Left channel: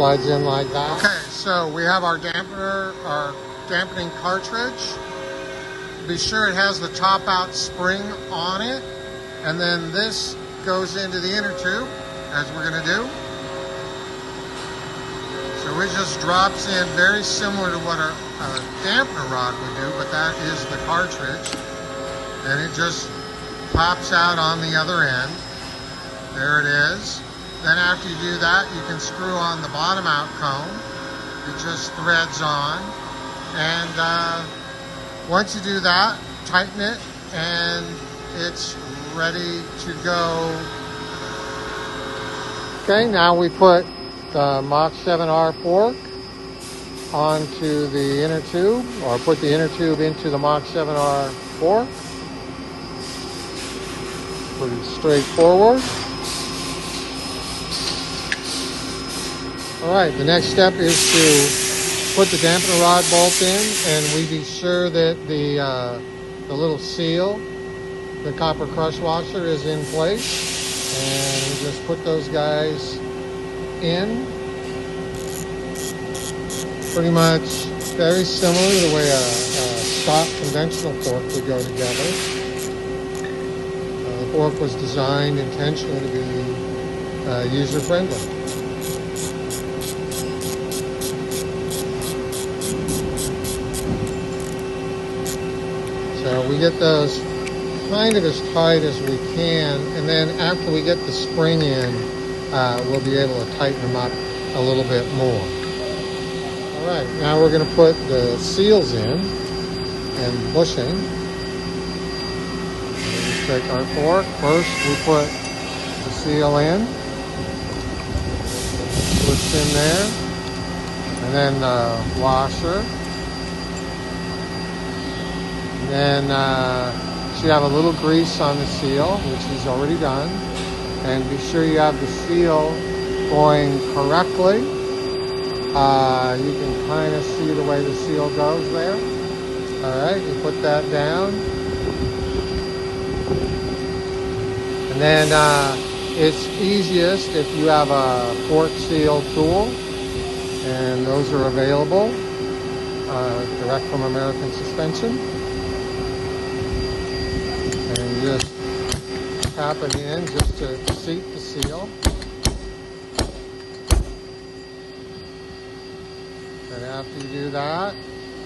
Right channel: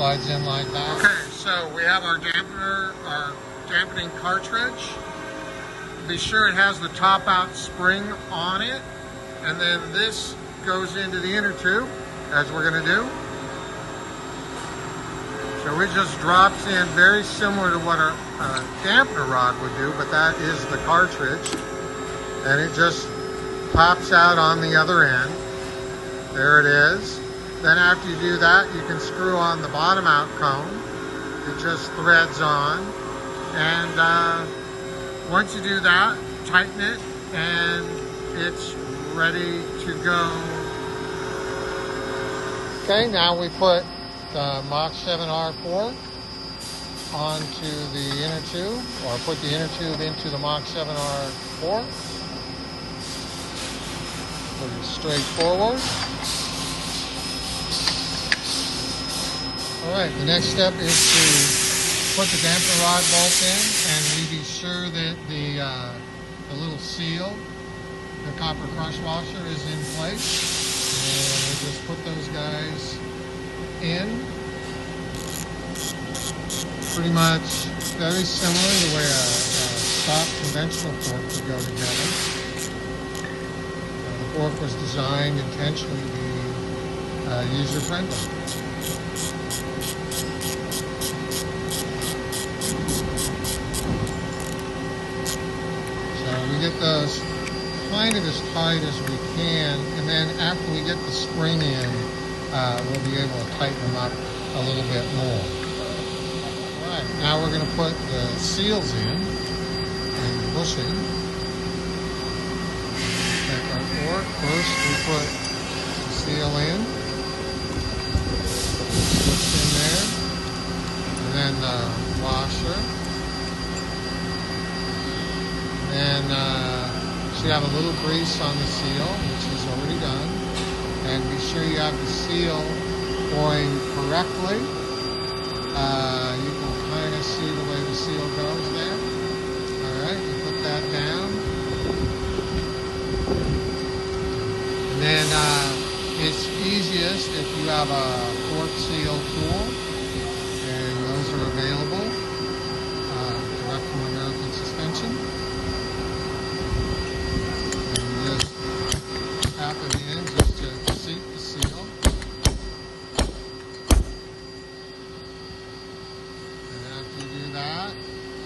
slides in like that. Okay, so we have our dampener, our dampening cartridge. Be sure it has the top out spring on it, and then this goes into the inner tube, as we're going to do. So it just drops in very similar to what our dampener rod would do, but that is the cartridge, and it just pops out on the other end. There it is. Then after you do that, you can screw on the bottom out cone. It just threads on, and once you do that, tighten it, and it's ready to go. Okay, now we put the MACH7R fork onto the inner tube, or put the inner tube into the MACH7R fork. Pretty straightforward. Alright, the next step is to put the dampener rod bolt in, and we be sure that the little seal, the copper crush washer, is in place. And just put those guys in. Pretty much very similar to the way a stock conventional fork would go together. The fork was designed intentionally to be user-friendly. So we get those kind of as tight as we can, and then after we get the spring in, we'll be able to tighten them up a little bit more. Alright, now we're going to put the seals in and bushing. Take our fork. First we put the seal in, push in there, and then the washer, and then so you have a little grease on the seal, which is already done, and be sure you have the seal going correctly. You can kind of see the way the seal goes there. Alright, you put that down. And then it's easiest if you have a port seal tool, and those are available direct from American Suspension. Just tap it in just to seat the seal. And after you do that,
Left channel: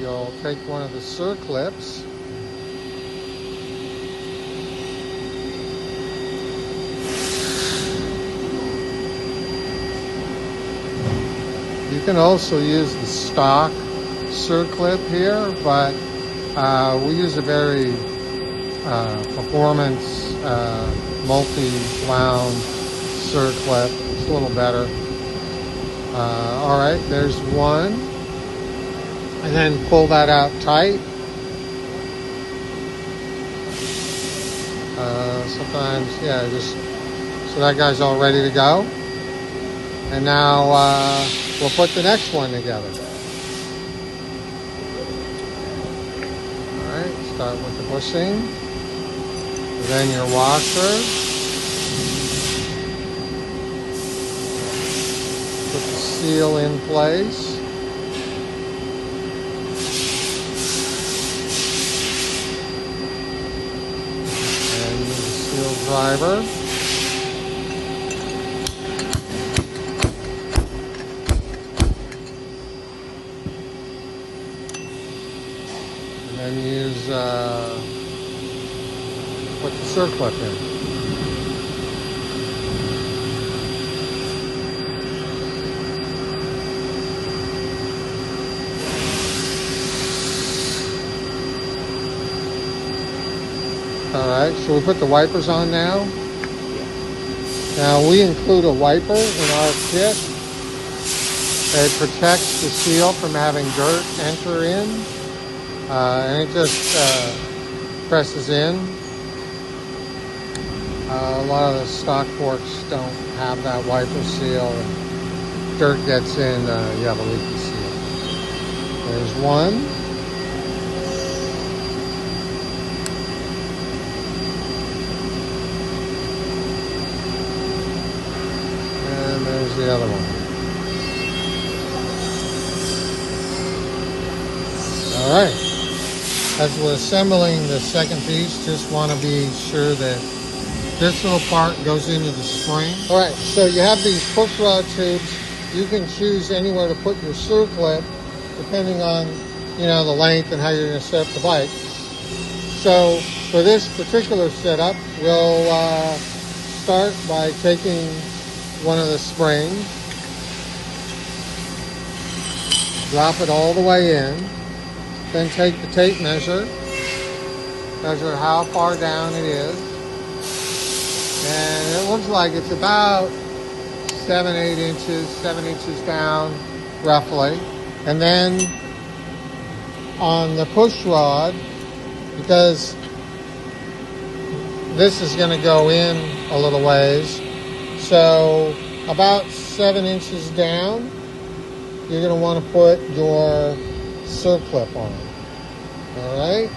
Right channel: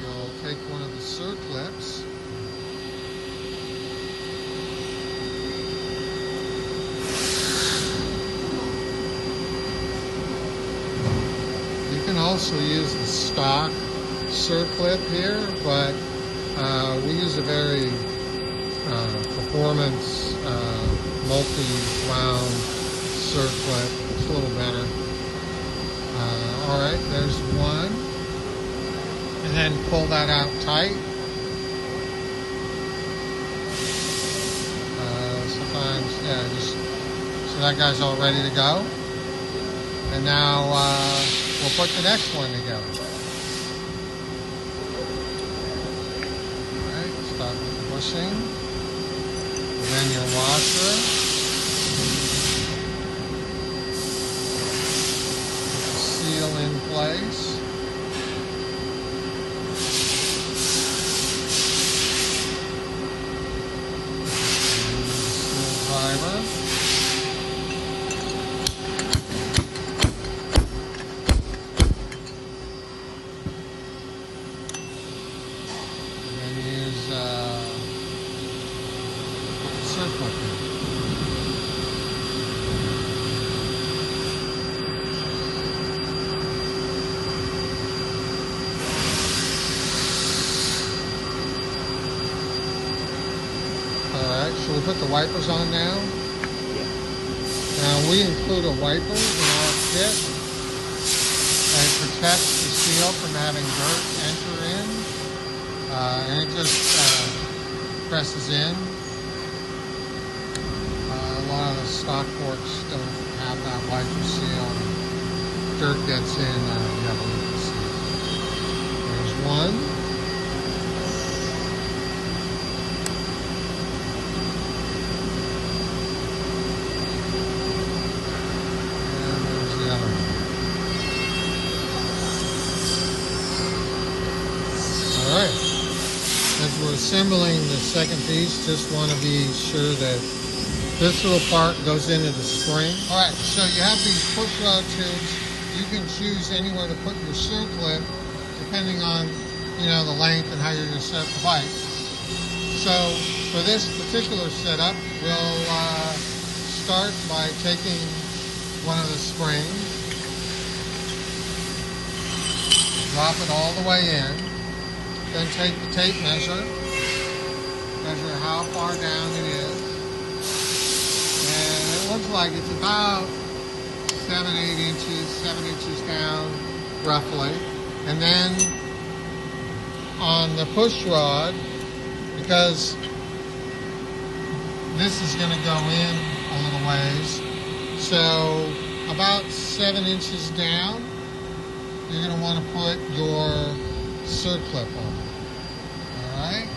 you'll take one of the circlips you can also use the stock circlip here, but we use a very performance multi-wound circlip. It's a little better. Alright, there's one. And then pull that out tight. Sometimes, yeah, just so that guy's all ready to go. And now we'll put the next one together. Alright, start with the bushing. Then your washer. Put the seal in place. And the seal driver. And then use circlip in. Alright, so we put the wipers on now. Now we include a wiper in our kit. It protects the seal from having dirt enter in. And it just presses in. A lot of the stock forks don't have that wiper seal. Dirt gets in, you have a leaky seal. There's one. And there's the other one. we're assembling the second piece, just want to be sure that this little part goes into the spring. All right, so you have these push rod tubes. You can choose anywhere to put your screw clip, depending on, you know, the length and how you're going to set up the bike. So for this particular setup, we'll start by taking one of the springs, drop it all the way in, then take the tape measure how far down it is, and it looks like it's about 7 inches down roughly. And then on the push rod, because this is going to go in a little ways, so about 7 inches down, you're going to want to put your circlip on it. All right?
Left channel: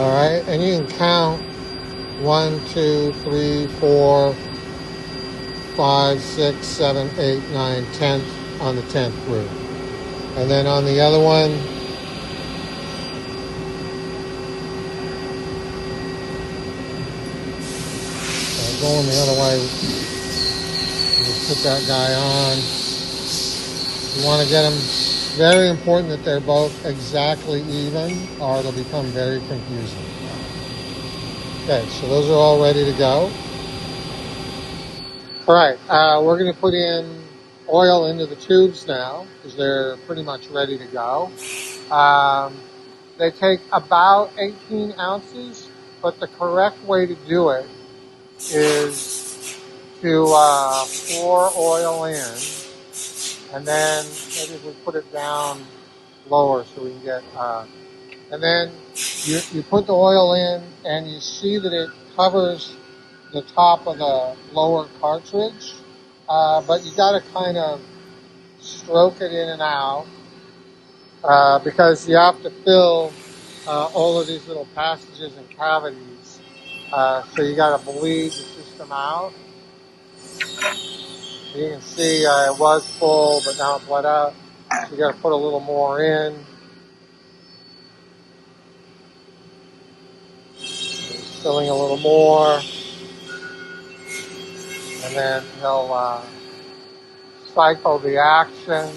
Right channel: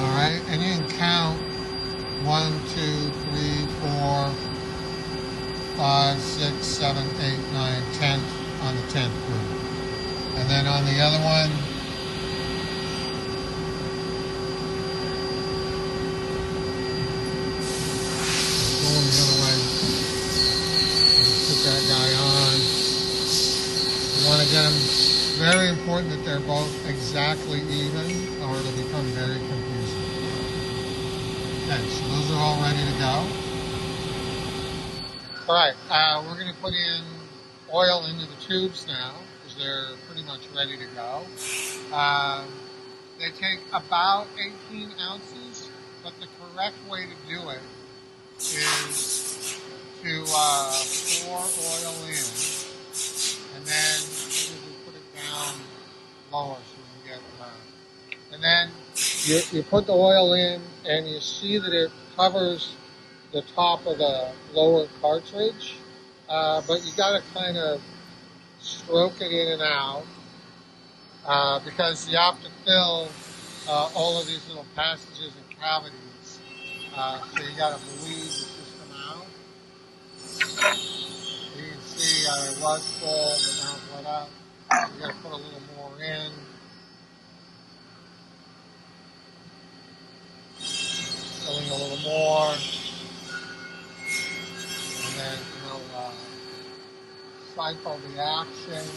All right, and you can count 1, 2, 3, 4, 5, 6, 7, 8, 9, 10 on the 10th groove. And then on the other one, going the other way, just put that guy on. You want to get them, very important that they're both exactly even, or it'll become very confusing. Okay, so those are all ready to go. All right, we're going to put in oil into the tubes now, because they're pretty much ready to go. They take about 18 ounces, but the correct way to do it is to pour oil in, and then maybe we put it down lower so we can get, and then you put the oil in, and you see that it covers the top of the lower cartridge, but you got to kind of stroke it in and out, because you have to fill all of these little passages and cavities, so you got to bleed the system out. You can see it was full, but now it's bled out. You got to put a little more in. Filling a little more, and then he'll cycle the action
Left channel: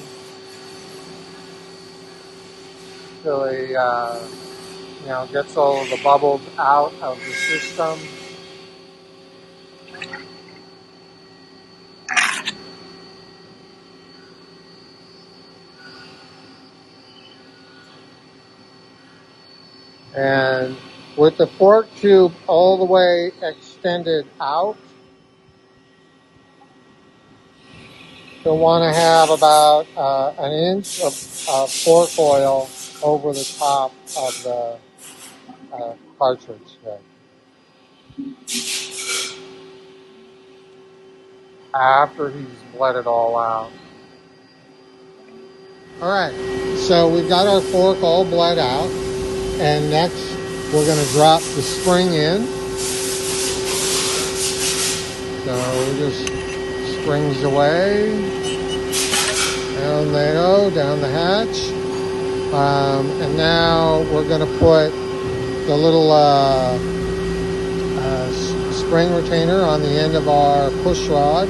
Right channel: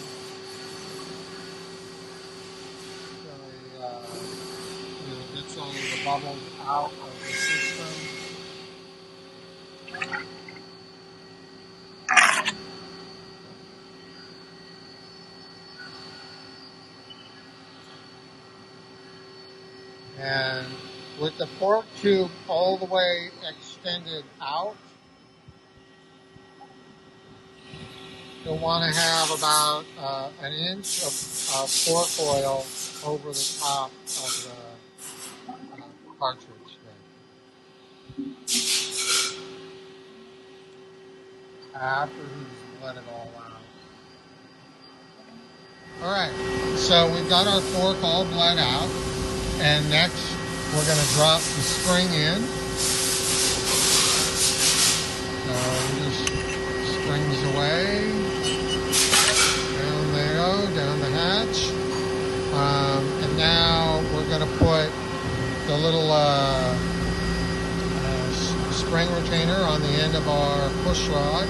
till he, you know, gets all of the bubbles out of the system. And with the fork tube all the way extended out, you'll want to have about an inch of fork oil over the top of the cartridge there. After he's bled it all out. Alright, so we've got our fork all bled out, and next we're going to drop the spring in. So it just springs away. Down they go, down the hatch. And now we're going to put the little spring retainer on the end of our push rod.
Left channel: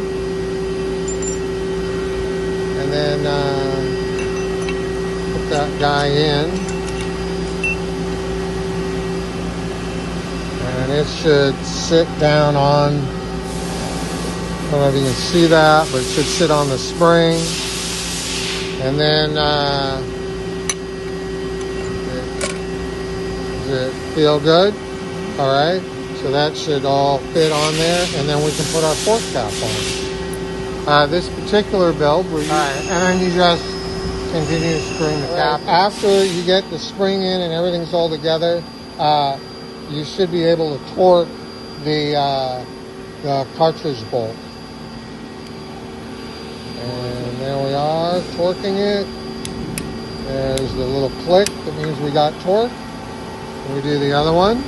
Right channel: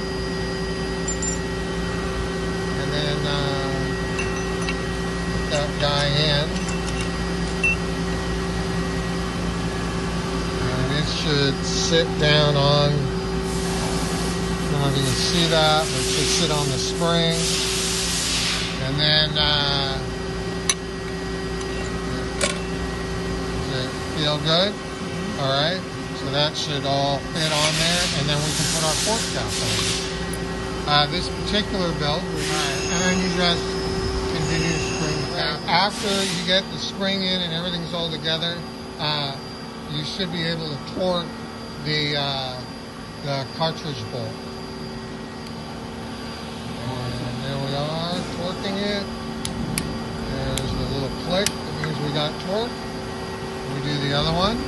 And then put that guy in. And it should sit down on, I don't know if you can see that, but it should sit on the spring. And then, does it feel good? All right, so that should all fit on there, and then we can put our fork cap on. This particular build, and then you just continue to spring the cap. After you get the spring in and everything's all together, you should be able to torque the cartridge bolt. And there we are, torquing it. There's the little click that means we got torque. We'll do the other one.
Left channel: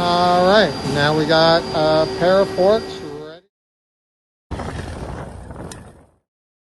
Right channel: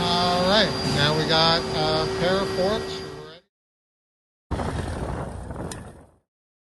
All right, now we got a pair of forks